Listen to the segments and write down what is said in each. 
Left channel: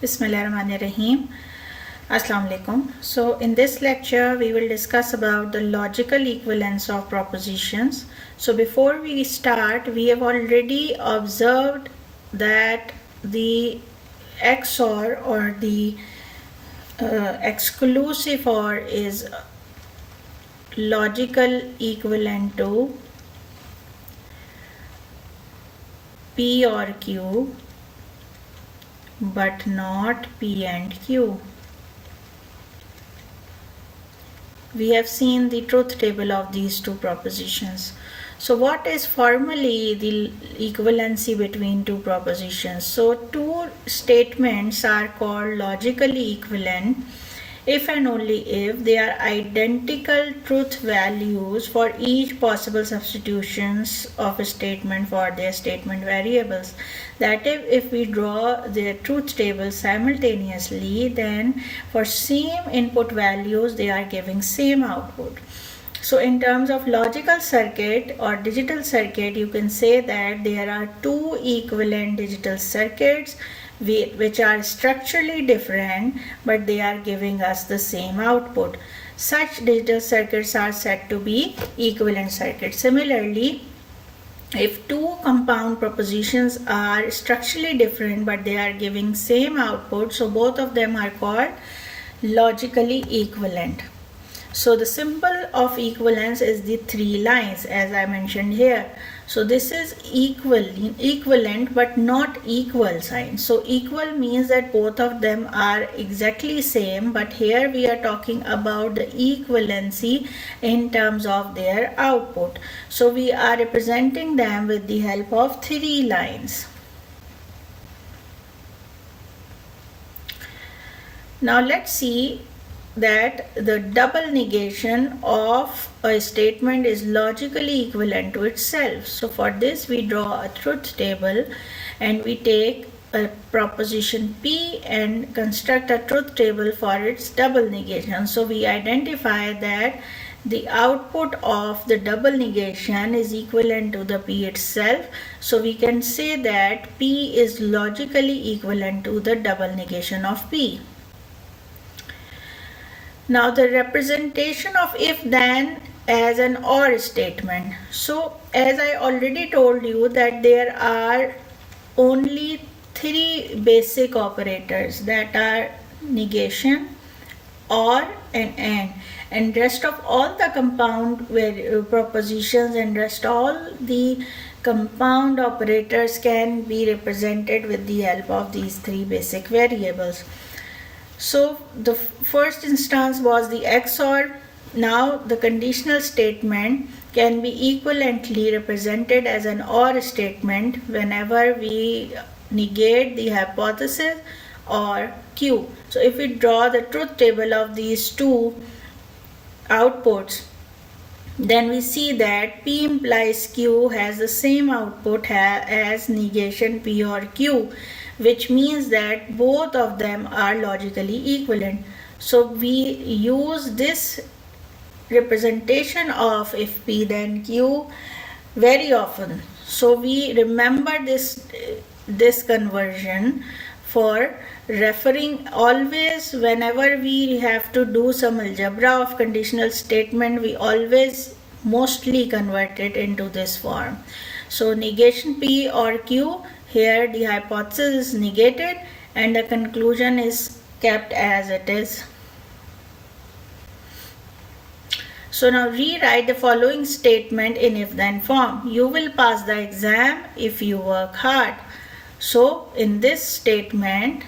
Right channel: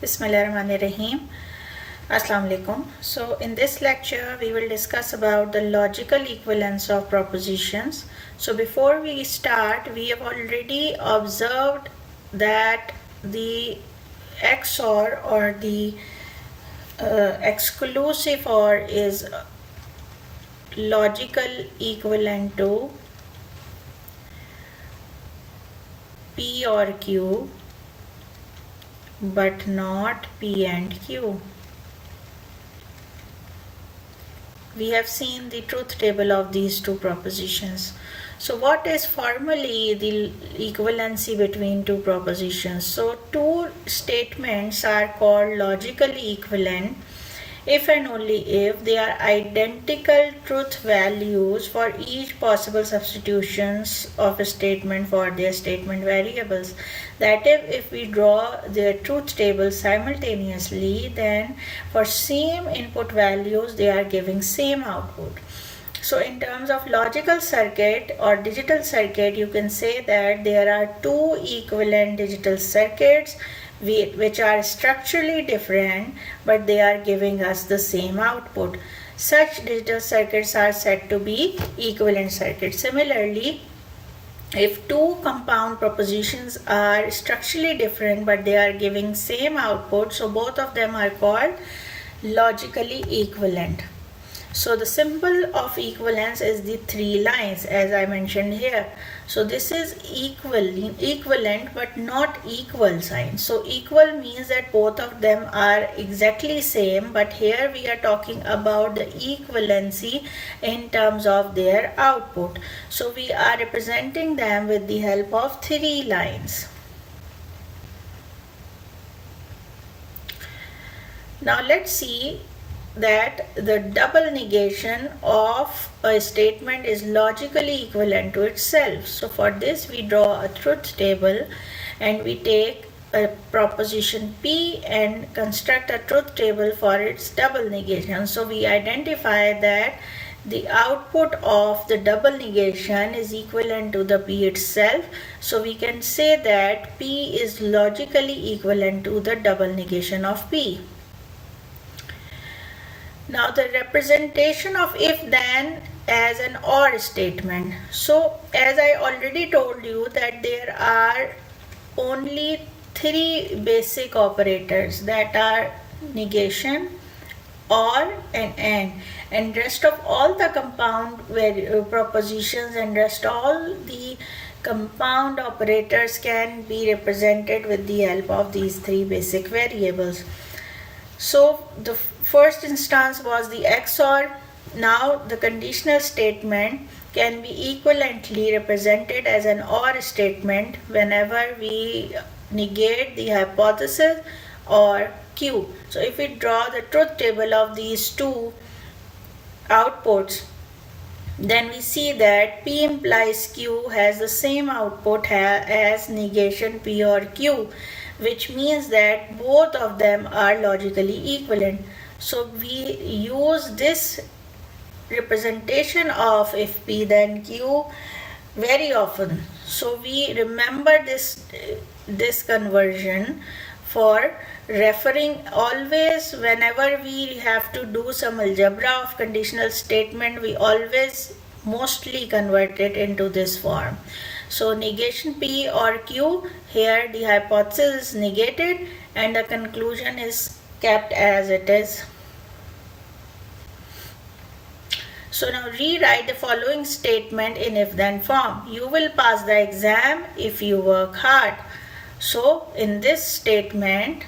Bismillahirrahmanirrahim. Assalamu alaikum. So in this lecture we will discuss about the logical equivalence of propositions. So before we start, we have already observed that the XOR or the exclusive OR is logical equivalent to P or Q but not P and Q. We have seen the truth table of these two propositions. So what is formally the equivalency between two propositions? So two statements are called logically equivalent if and only if they are identical truth values for each possible substitutions of a statement for their statement variables. That if we draw their truth table simultaneously, then for same input values they are giving same output. So in terms of logical circuit or digital circuit, you can say that there are two equivalent digital circuits which are structurally different, but they are giving us the same output. Such digital circuits are said to be equivalent circuits. Similarly, if two compound propositions are structurally different but they are giving same output, so both of them are called logically equivalent. So the symbol of equivalence is the three lines as I mentioned here. So this is equivalent but not equal sign. So equal means that both of them are exactly same, but here we are talking about the equivalency in terms of their output. So we are representing them with the help of three lines. Now let's see that the double negation of a statement is logically equivalent to itself. So for this we draw a truth table and we take a proposition P and construct a truth table for its double negation. So we identify that the output of the double negation is equivalent to the P itself. So we can say that P is logically equivalent to the double negation of P. Now the representation of if-then as an OR statement. So as I already told you that there are only three basic operators, that are negation, OR and AND rest of all the compound propositions and rest all the compound operators can be represented with the help of these three basic variables. So the first instance was the XOR. Now the conditional statement can be equivalently represented as an OR statement whenever we negate the hypothesis or Q. So if we draw the truth table of these two outputs, then we see that P implies Q has the same output as negation P or Q, which means that both of them are logically equivalent. So we use this representation of if P then Q very often. So we remember this conversion for referring always whenever we have to do some algebra of conditional statement, we always mostly convert it into this form. So negation P or Q, here the hypothesis is negated and the conclusion is kept as it is. So now rewrite the following statement in if-then form. You will pass the exam if you work hard. So in this statement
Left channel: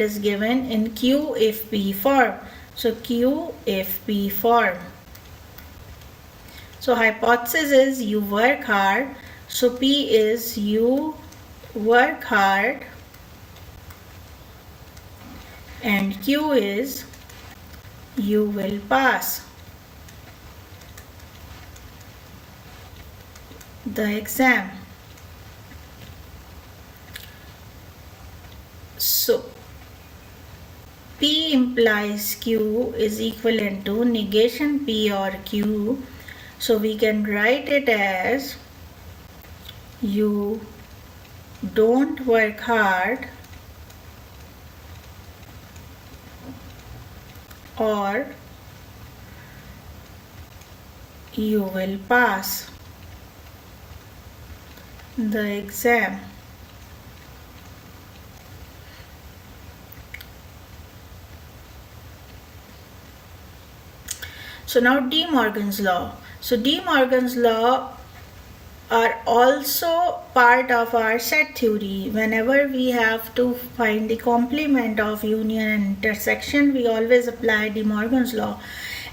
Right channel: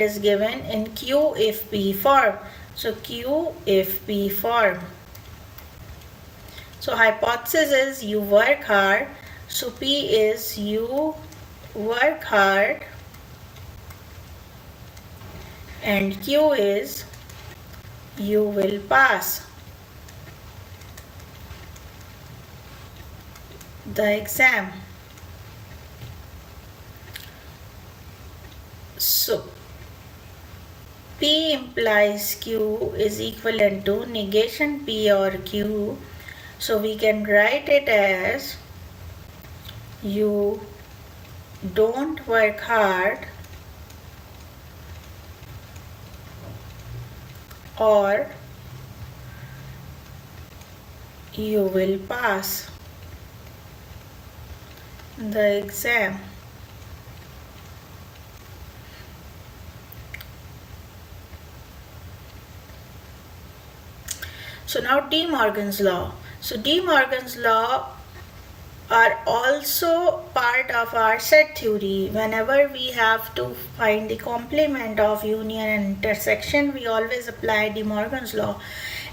is given in Q if P form. So Q if P form. So hypothesis is you work hard. So P is you work hard and Q is you will pass the exam. So P implies Q is equivalent to negation P or Q. So we can write it as you don't work hard or you will pass the exam. So now De Morgan's law. So De Morgan's law are also part of our set theory. Whenever we have to find the complement of union and intersection, we always apply De Morgan's law.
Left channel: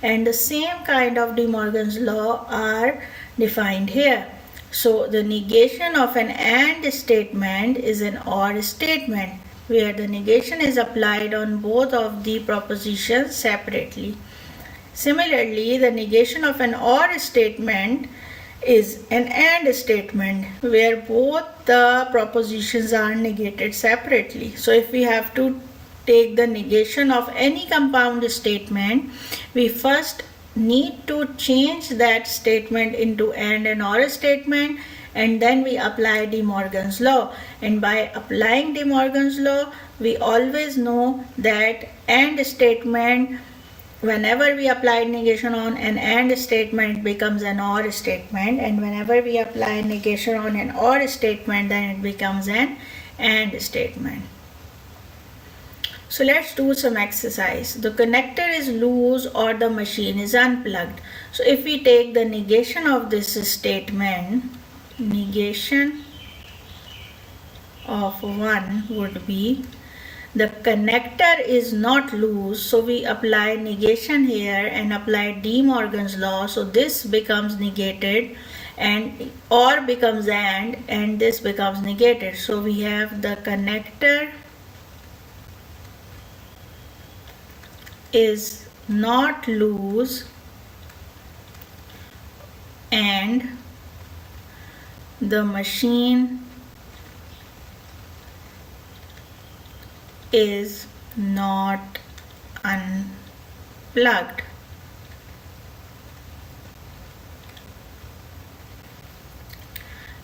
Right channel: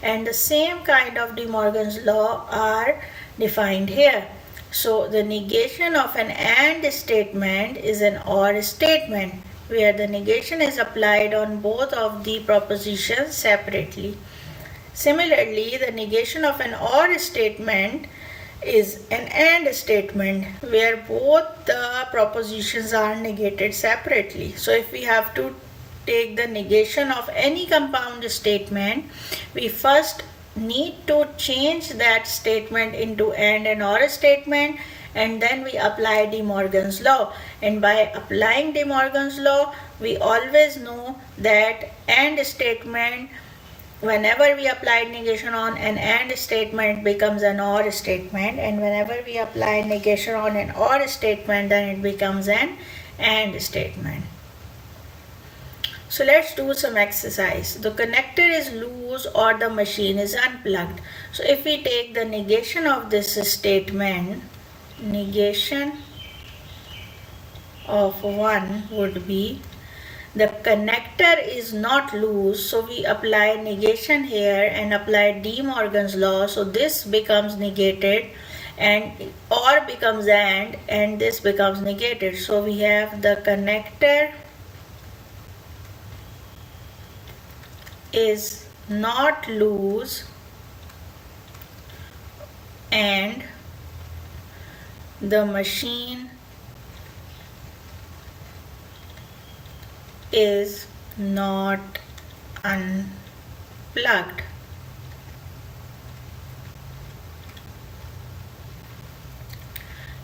And the same kind of De Morgan's law are defined here. So the negation of an AND statement is an OR statement, where the negation is applied on both of the propositions separately. Similarly, the negation of an OR statement is an AND statement, where both the propositions are negated separately. So if we have to take the negation of any compound statement, we first need to change that statement into AND and OR statement, and then we apply De Morgan's law. And by applying De Morgan's law, we always know that AND statement, whenever we apply negation on an AND statement, becomes an OR statement, and whenever we apply negation on an OR statement, then it becomes an AND statement. So let's do some exercise. The connector is loose or the machine is unplugged. So if we take the negation of this statement, negation of 1 would be the connector is not loose, so we apply negation here and apply De Morgan's law, so this becomes negated and OR becomes and this becomes negated. So we have the connector is not loose and the machine is not unplugged.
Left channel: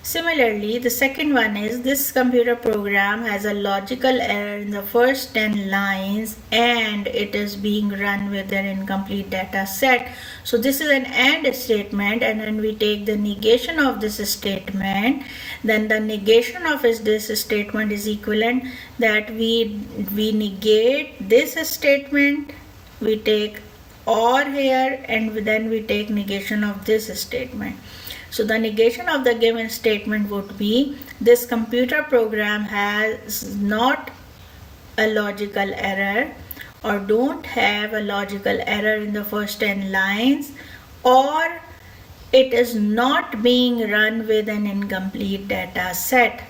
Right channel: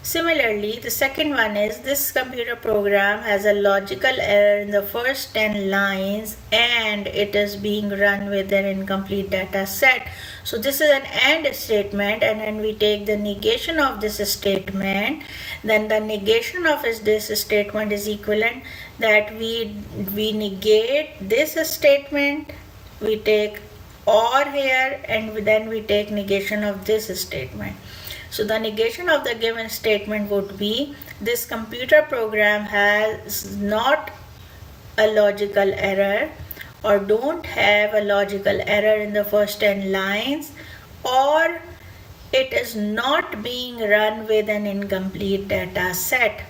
Similarly, the second one is this computer program has a logical error in the first 10 lines and it is being run with an incomplete data set. So this is an AND statement, and when we take the negation of this statement, then the negation of this statement is equivalent that we negate this statement, we take OR here, and then we take negation of this statement. So the negation of the given statement would be this computer program has not a logical error or don't have a logical error in the first 10 lines, or it is not being run with an incomplete data set.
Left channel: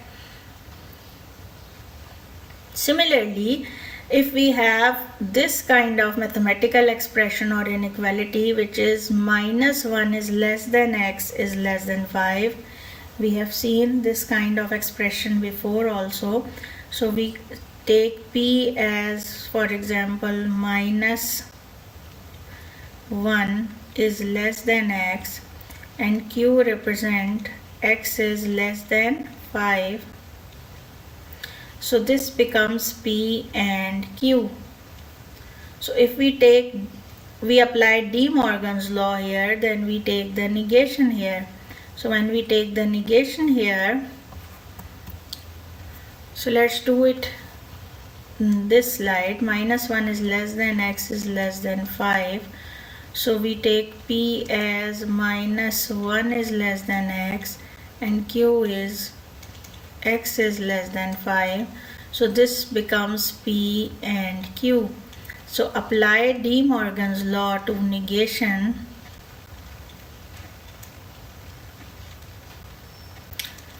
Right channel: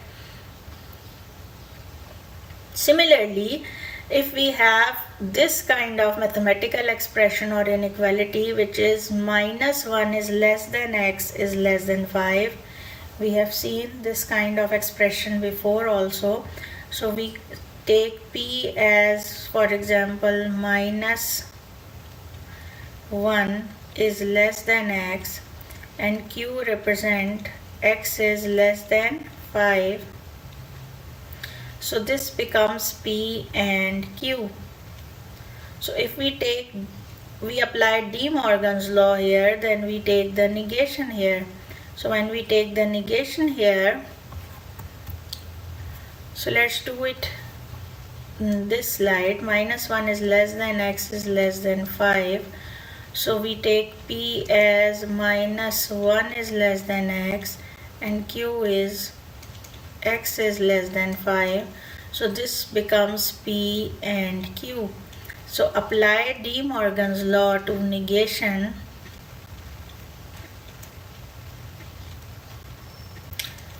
Similarly, if we have this kind of mathematical expression or inequality, which is -1 is less than x is less than 5, we have seen this kind of expression before also. So we take p as, for example, -1 is less than x and q represent x is less than 5. So this becomes P and Q. So if we apply De Morgan's law here, then we take the negation here. So when we take the negation here, so let's do it in this slide. -1 is less than x is less than 5. So we take P as -1 is less than x and Q is x is less than 5. So this becomes P and Q. So apply De Morgan's law to negation.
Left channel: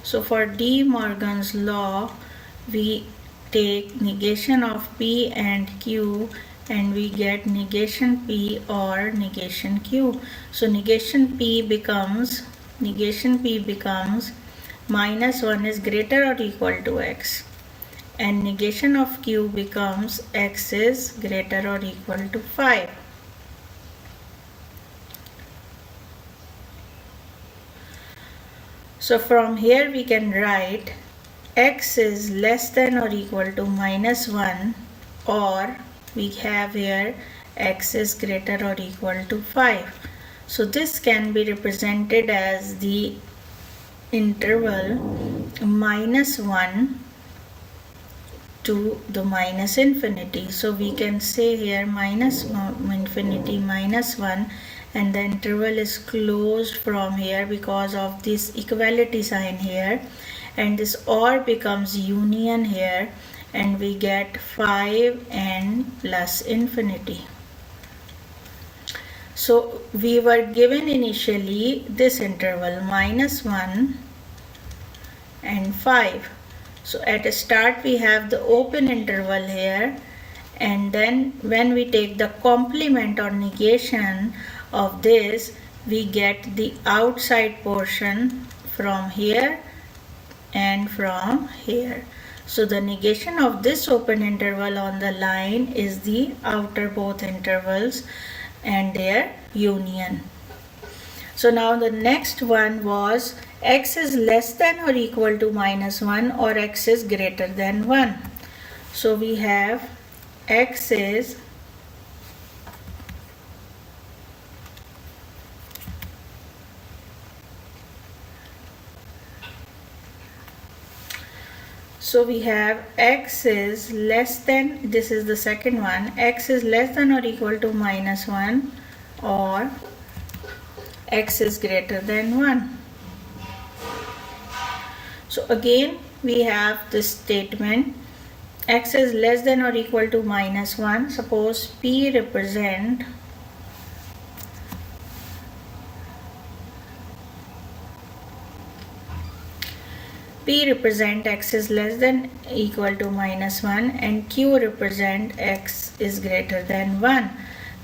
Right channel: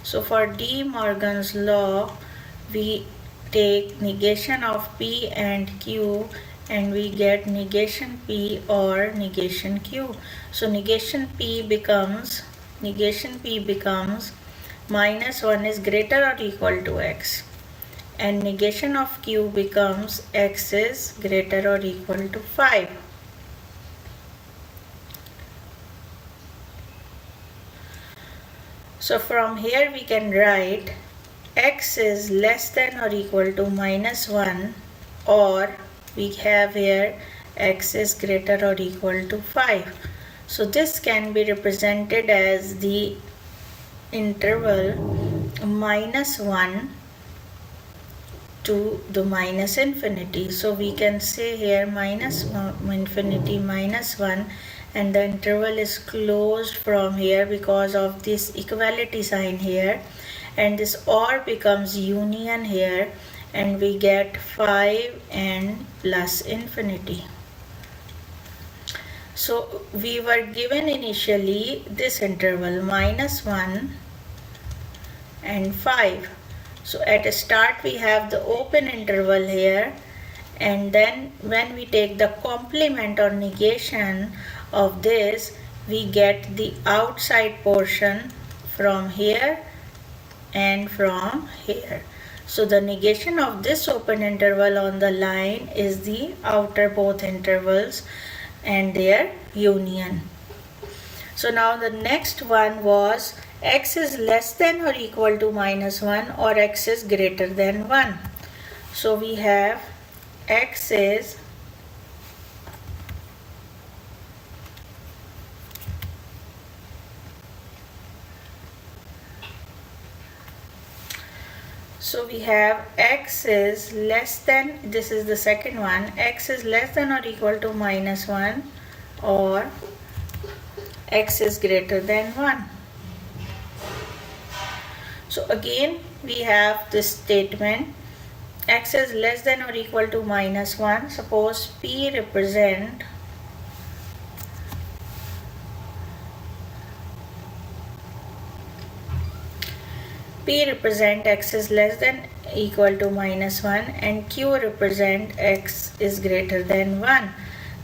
So for De Morgan's law, we take negation of P and Q and we get negation P or negation Q. So negation P becomes -1 is greater or equal to x, and negation of Q becomes x is greater or equal to 5. So from here we can write x is less than or equal to -1, or we have here x is greater or equal to 5. So this can be represented as the interval -1 to the minus infinity. So we can say here minus infinity -1, and the interval is closed from here because of this equality sign here, and this or becomes union here, and we get 5 and plus infinity. So we were given initially this interval -1 and 5. So at a start we have the open interval here, and then when we take the complement or negation of this, we get the outside portion from here and from here. So the negation of this open interval on the line is the outer both intervals and their union. So now the next one was x is less than or equal to -1 or x is greater than 1. So we have x is x is less than, this is the second one, x is less than or equal to -1 or x is greater than 1. So again we have this statement, x is less than or equal to -1. Suppose P represent x is less than equal to -1 and Q represent x is greater than 1.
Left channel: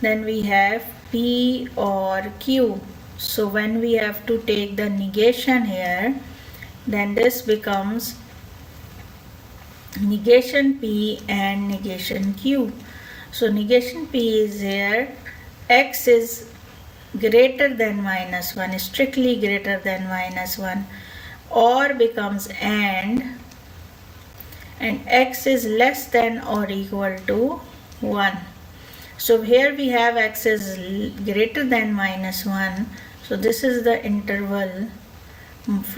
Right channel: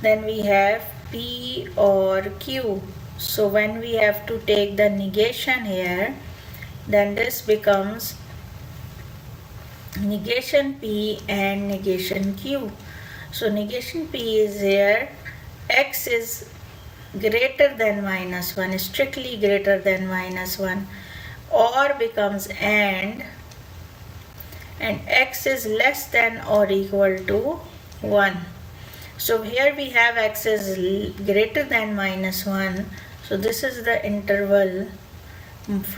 Then we have P or Q. So when we have to take the negation here, then this becomes negation P and negation Q. So negation P is here, x is greater than -1, strictly greater than -1, or becomes and x is less than or equal to 1. So here we have x is greater than -1. So this is the interval,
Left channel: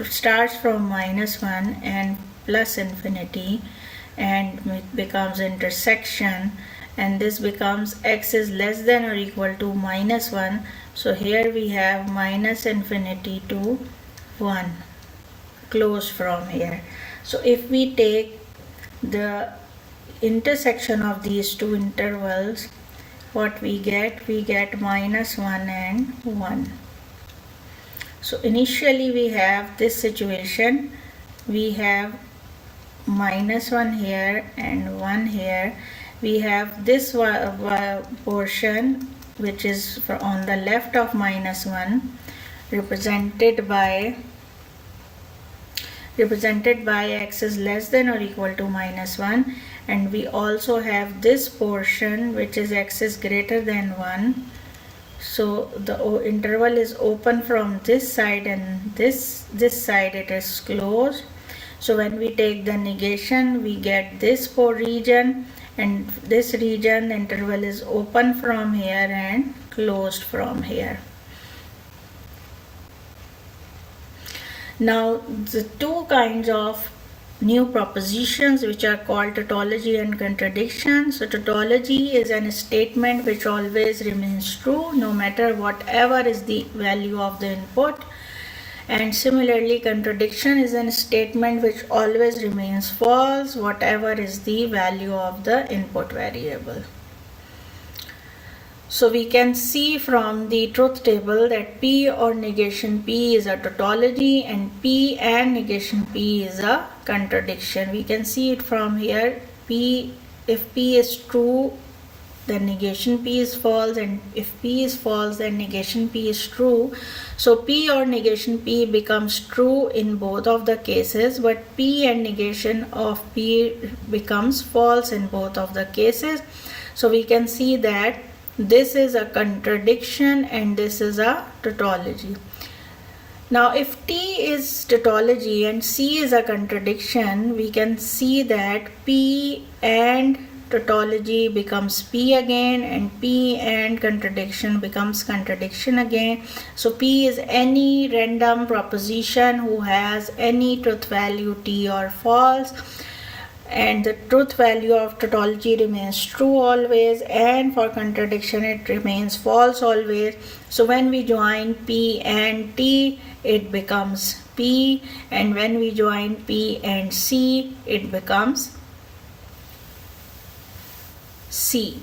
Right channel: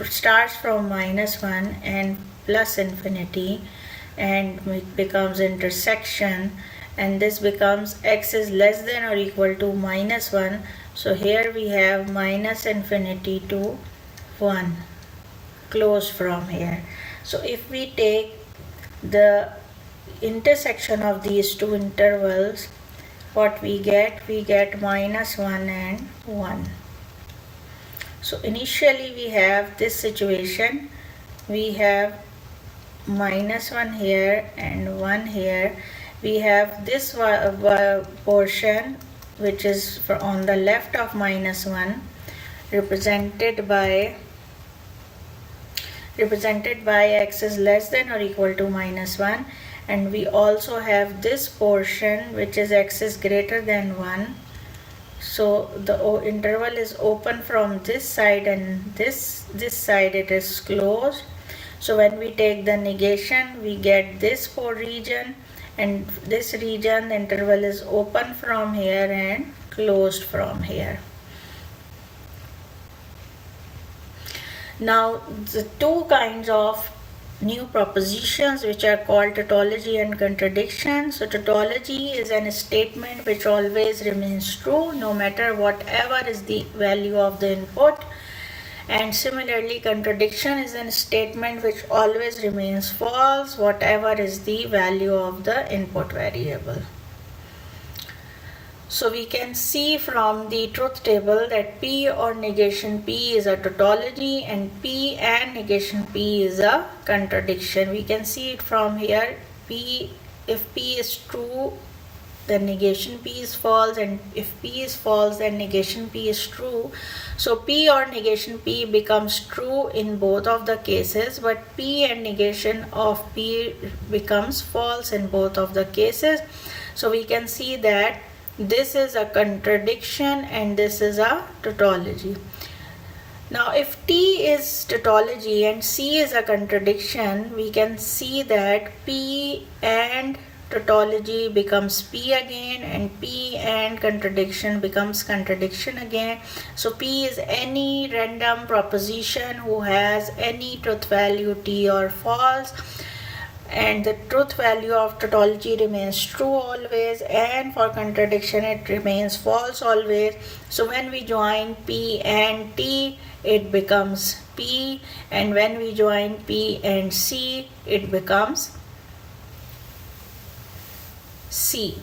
starts from -1 and plus infinity, and it becomes intersection, and this becomes x is less than or equal to -1. So here we have minus infinity to 1, close from here. So if we take the intersection of these two intervals, what we get? We get -1 and 1. So initially we have this situation, we have -1 here and 1 here. We have this portion which is on the left of -1 represented by x is less than or equal to -1, and we also have this portion which is x is greater than 1. So the interval is open from this side, and this side it is closed. So when we take the negation, we get this region, and this region, the interval is open from here and closed from here. Now the two kinds of new propositions which are called tautology and contradiction. So tautology is a statement which always remains true no matter whatever is the value of the input, and similarly contradiction is a statement which always remains false whatever is the value of the input variable. So we can see from the truth table that P or negation P is a tautology and P and negation P is a contradiction. We can see it from here. If P is true, then negation P is false, and if P is false, then negation P is true. So P or negation P becomes true in both of the cases, but P and negation of P becomes false in both of the cases. So we can see that this is a contradiction and this is a tautology. Now if T is tautology and C is a contradiction, we can see that P and tautology becomes P again, and P and contradiction becomes contradiction again. So P is any random proposition who has any truth value T or false, and the truth value of tautology remains true always, and for contradiction it remains false always. So when we join P and T, it becomes P, and when we join P and C, it becomes C.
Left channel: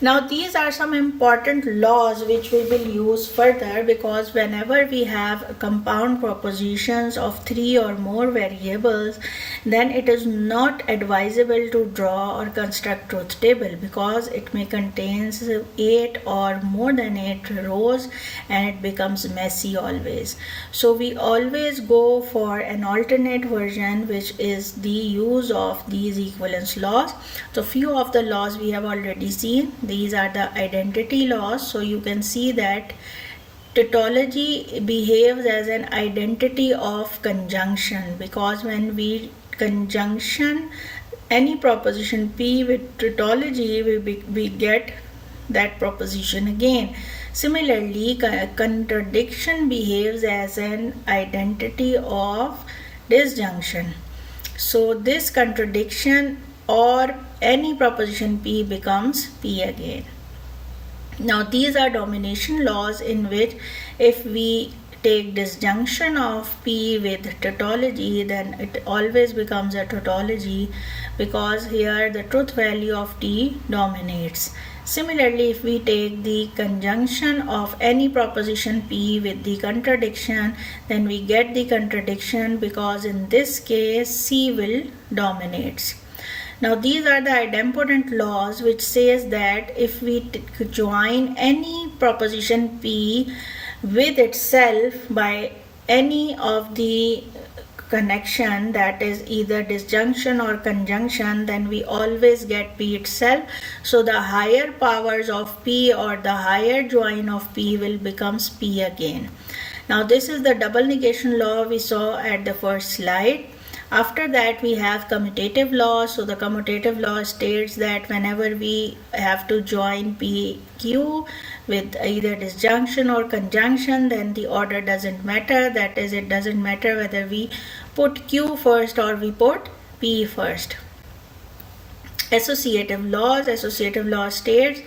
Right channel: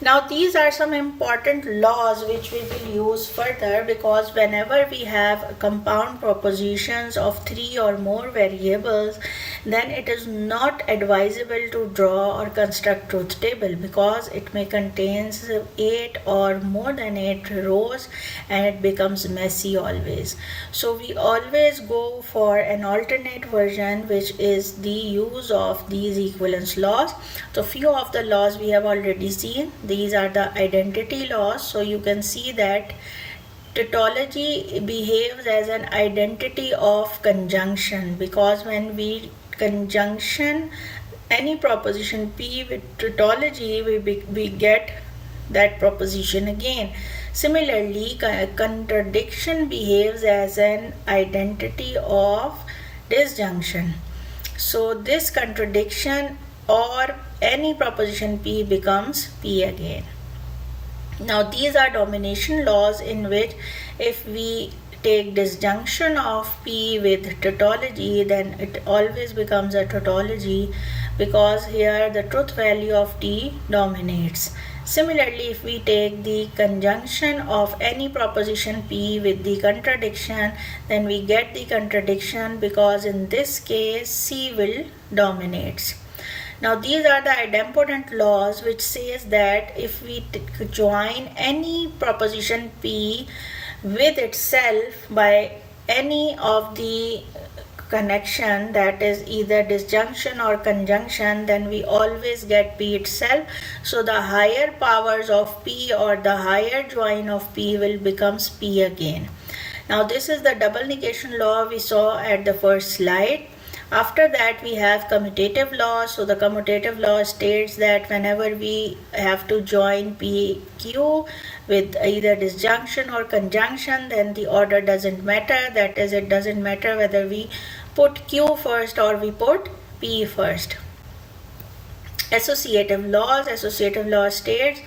Now these are some important laws which we will use further, because whenever we have compound propositions of 3 or more variables, then it is not advisable to draw or construct truth table, because it may contain 8 or more than 8 rows and it becomes messy always. So we always go for an alternate version, which is the use of these equivalence laws. So few of the laws we have already seen. These are the identity laws. So you can see that tautology behaves as an identity of conjunction, because when we conjunction any proposition P with tautology, we get that proposition again. Similarly, contradiction behaves as an identity of disjunction. So this contradiction or any proposition P becomes P again. Now these are domination laws, in which if we take disjunction of P with tautology, then it always becomes a tautology, because here the truth value of T dominates. Similarly, if we take the conjunction of any proposition P with the contradiction, then we get the contradiction, because in this case C will dominate. Now these are the idempotent laws, which says that if we join any proposition P with itself by any of the connection, that is either disjunction or conjunction, then we always get P itself. So the higher powers of P or the higher join of P will becomes P again. Now this is the double negation law we saw at the first slide. After that we have commutative law. So the commutative law states that whenever we have to join PQ with either disjunction or conjunction, then the order doesn't matter. That is, it doesn't matter whether we put Q first or we put P first. Associative law states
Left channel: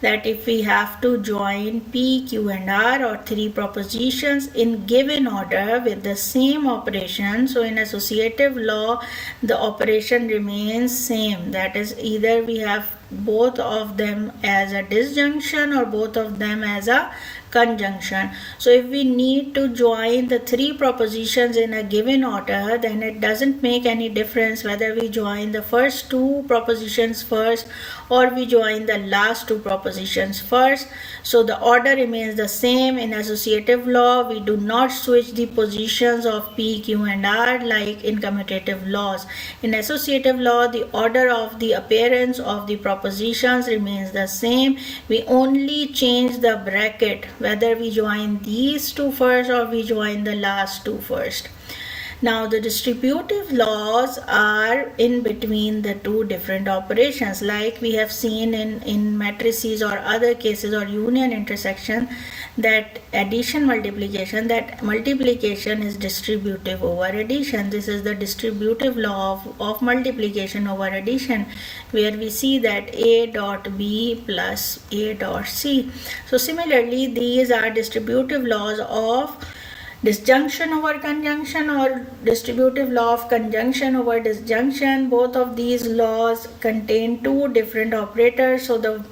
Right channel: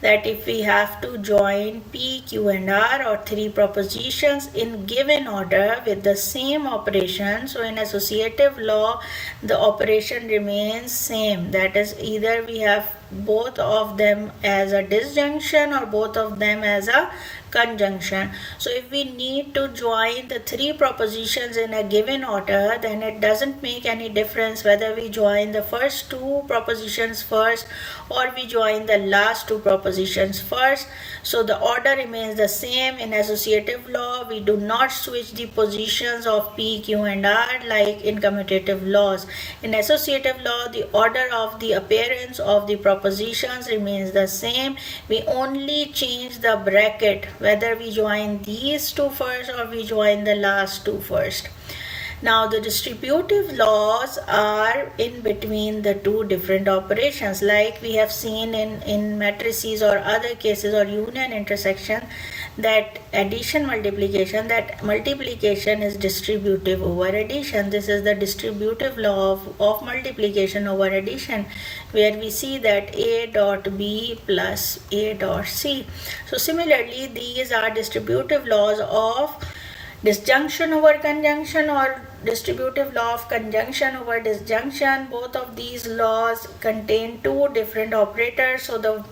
that if we have to join P, Q and R or 3 propositions in given order with the same operation, so in associative law the operation remains same. That is, either we have both of them as a disjunction or both of them as a conjunction. So if we need to join the 3 propositions in a given order, then it doesn't make any difference whether we join the first 2 propositions first or we join the last 2 propositions first. So the order remains the same. In associative law, we do not switch the positions of P, Q and R like in commutative laws. In associative law, the order of the appearance of the propositions remains the same. We only change the bracket, whether we join these 2 first or we join the last 2 first. Now the distributive laws are in between the 2 different operations, like we have seen in matrices or other cases or union intersection, that addition multiplication, that multiplication is distributive over addition. This is the distributive law of multiplication over addition, where we see that A dot B plus A dot C. So similarly, these are distributive laws of disjunction over conjunction or distributive law of conjunction over disjunction. Both of these laws contain 2 different operators. So the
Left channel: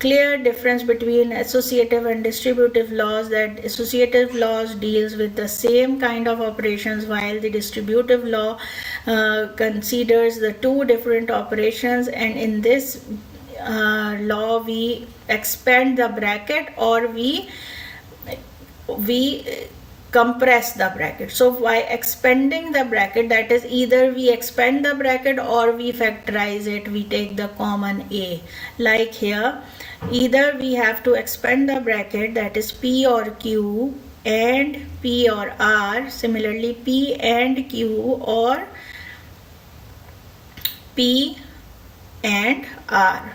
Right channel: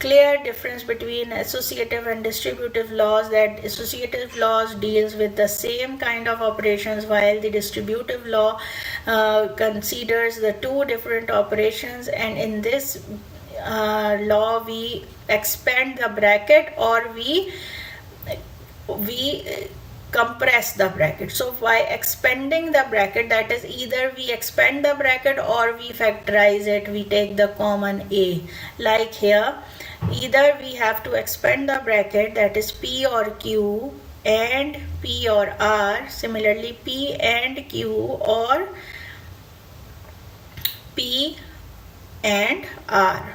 clear difference between associative and distributive laws, that associative laws deals with the same kind of operations, while the distributive law considers the 2 different operations, and in this law we expand the bracket or we compress the bracket. So by expanding the bracket, that is, either we expand the bracket or we factorize it, we take the common A. Like here, either we have to expand the bracket, that is P or Q and P or R. Similarly, P and Q or P and R.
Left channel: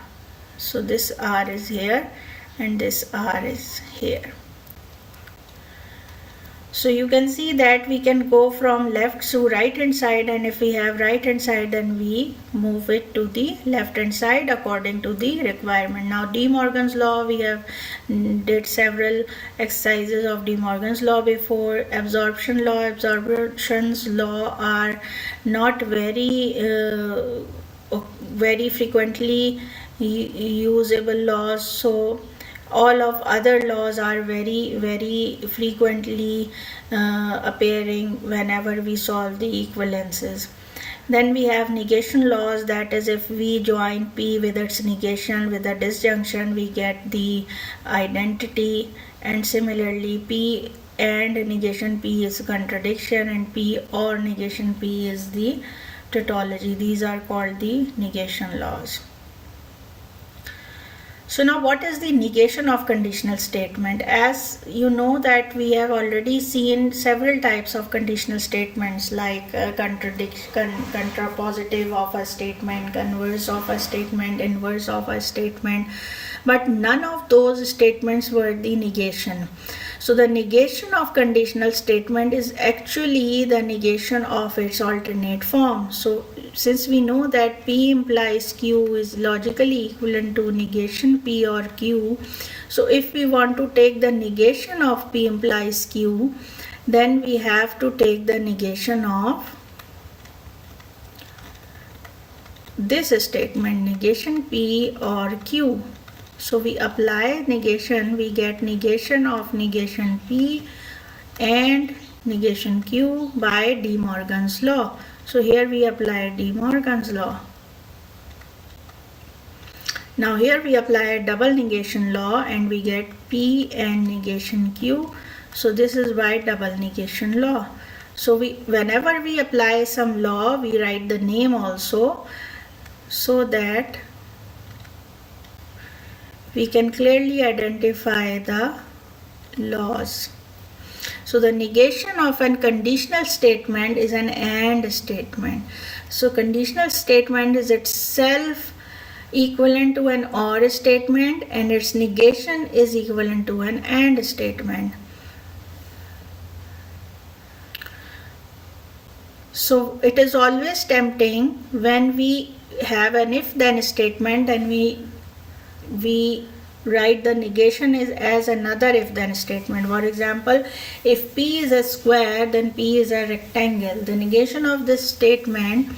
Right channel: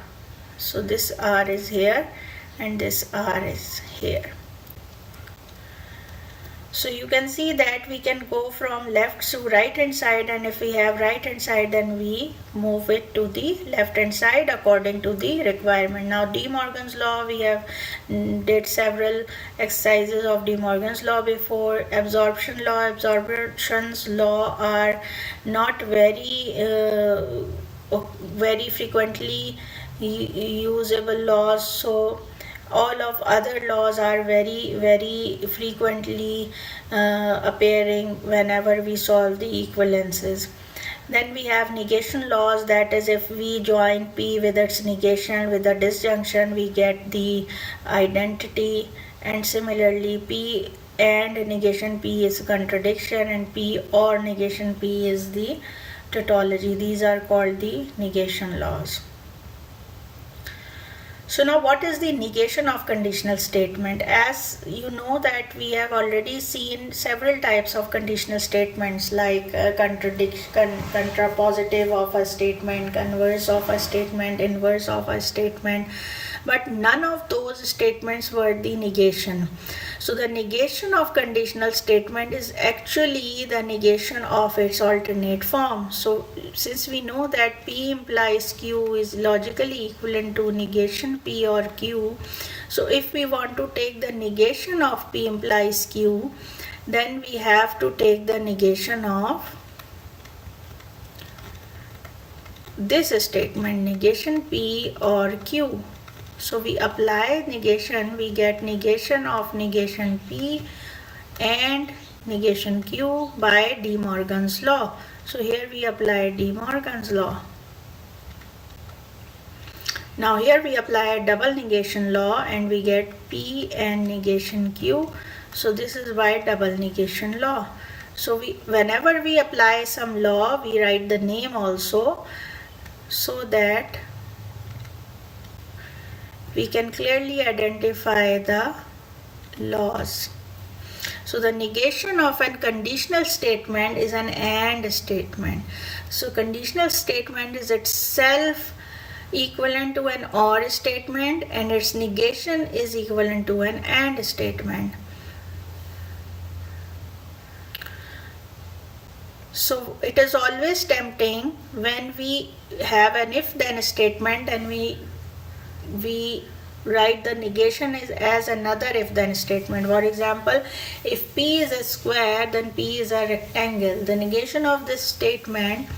So this R is here and this R is here. So you can see that we can go from left to right hand side, and if we have right hand side then we move it to the left hand side according to the requirement. Now De Morgan's law, we have did several exercises of De Morgan's law before. Absorption's law are not very frequently usable laws, so all of other laws are very frequently appearing whenever we solve the equivalences. Then we have negation laws, that is, if we join P with its negation with the disjunction, we get the identity. And similarly, P and negation P is contradiction, and P or negation P is the tautology. These are called the negation laws. So now what is the negation of conditional statement? As you know that we have already seen several types of conditional statements, like contrapositive of a statement, converse of a statement, inverse of a statement, but none of those statements were the negation. So the negation of conditional statement is actually the negation of its alternate form. So since we know that P implies Q is logically equivalent to negation P or Q, so if we want to take the negation of P implies Q, then we have to take the negation of this statement, negation P or Q. So we apply negation, we get negation of negation P and negation Q by De Morgan's law. So here we apply De Morgan's law. Now here we apply a double negation law and we get P and negation Q. So this is by double negation law. So whenever we apply some law, we write the name also, so that we can clearly identify the laws. So the negation of a conditional statement is an AND statement. So conditional statement is itself equivalent to an OR statement, and its negation is equivalent to an AND statement. So it is always tempting when we have an if-then statement and we write the negation as another if-then statement. For example, if P is a square, then P is a rectangle. The negation of this statement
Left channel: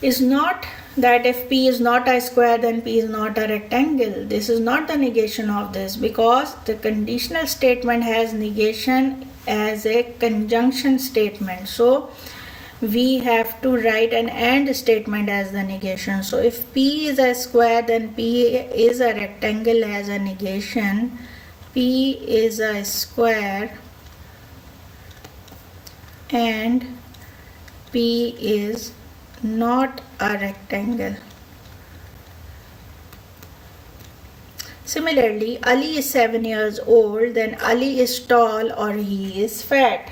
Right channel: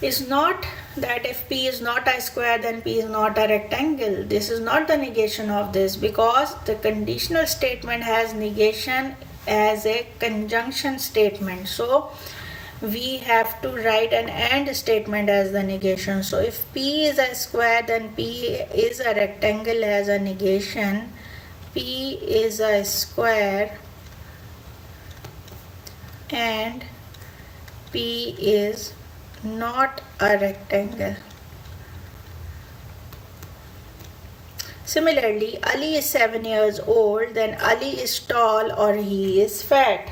is not that if P is not a square, then P is not a rectangle. This is not the negation of this, because the conditional statement has negation as a conjunction statement. So we have to write an AND statement as the negation. So if P is a square, then P is a rectangle as a negation. P is a square and P is not a rectangle. Similarly, Ali is 7 years old, then Ali is tall or he is fat.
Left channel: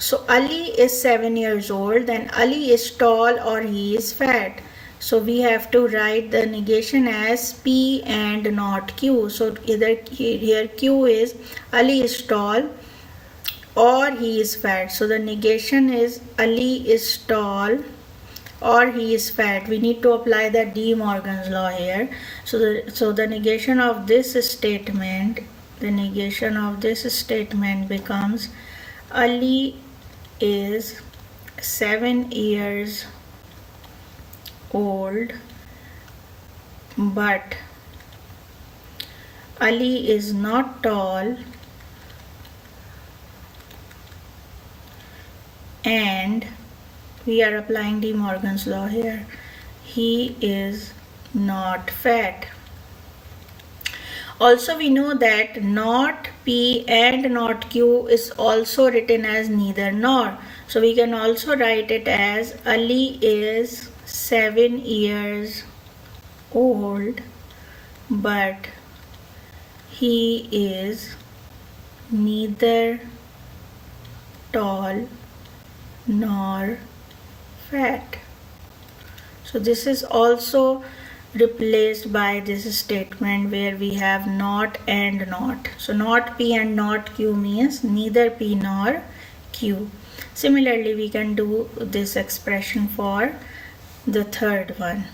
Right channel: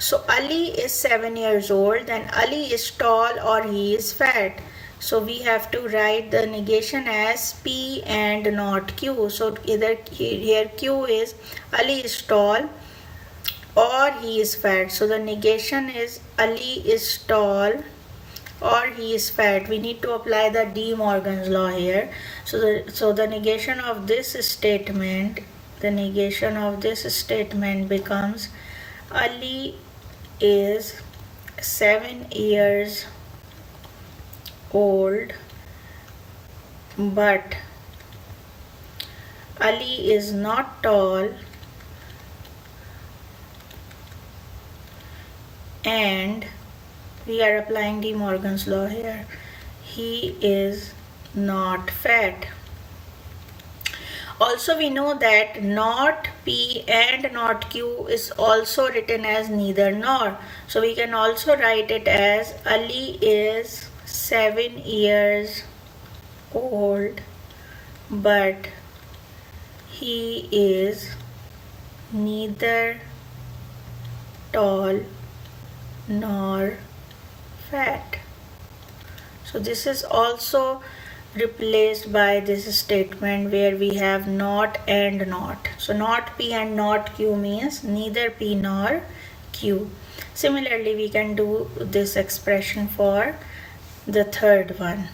So Ali is 7 years old, then Ali is tall or he is fat. So we have to write the negation as P and not Q. So either here Q is Ali is tall or he is fat. So the negation is Ali is tall or he is fat. We need to apply the De Morgan's law here. So the negation of this statement, becomes Ali is 7 years old, but Ali is not tall and we are applying De Morgan's law here. He is not fat. Also, we know that not P and not Q is also written as neither nor. So we can also write it as Ali is 7 years old, but he is neither tall nor fat. So this is also replaced by this statement where we have not and not. So not P and not Q means neither P nor Q. Similarly, we can do this expression for the third one.